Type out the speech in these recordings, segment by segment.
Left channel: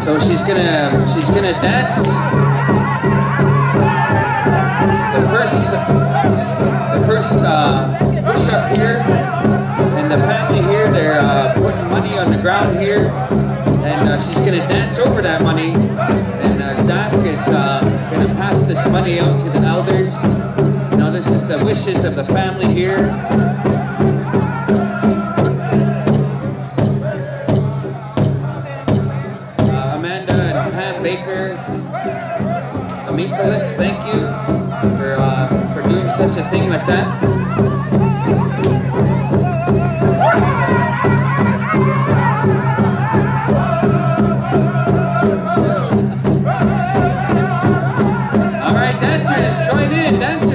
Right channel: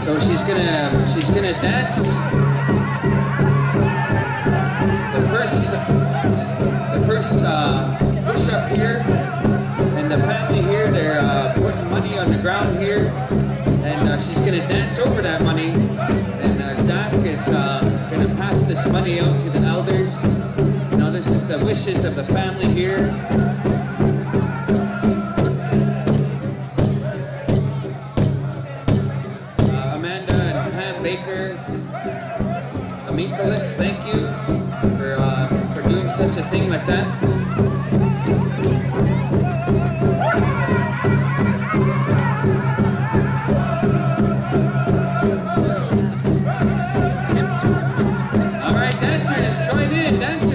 So she's gonna dance. The first push up here, and the family here, they're putting money on the ground here, and she's gonna dance over that money. And Zach is gonna pass this money out to the elders. Now this is the wishes of the family here. Amanda and Pam Baker, Amicalis, thank you for doing such a thing like that. All right, dancers, join in, dancers.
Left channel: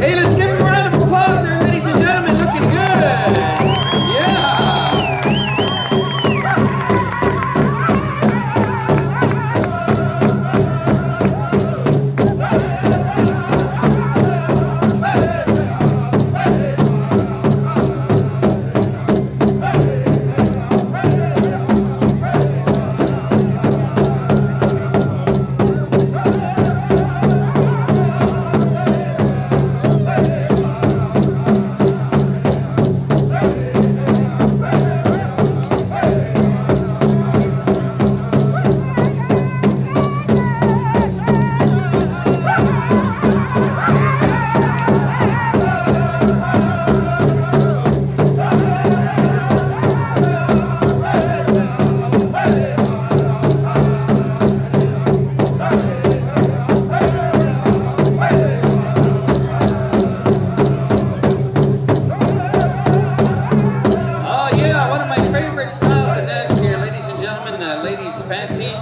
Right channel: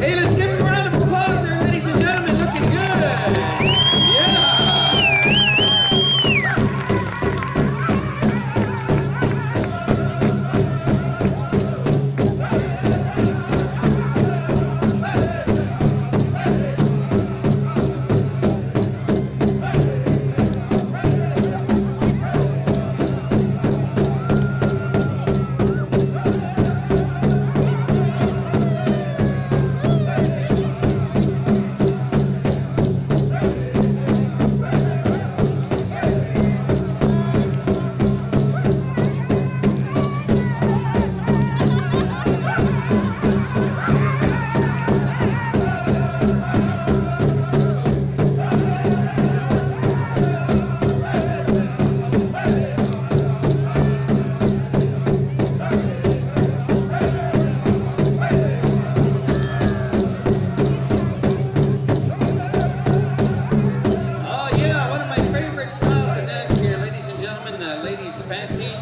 Hey, let's give him a round of applause there, ladies and gentlemen. Looking good. Yeah. Styles of dance here, ladies and gentlemen, ladies fancy.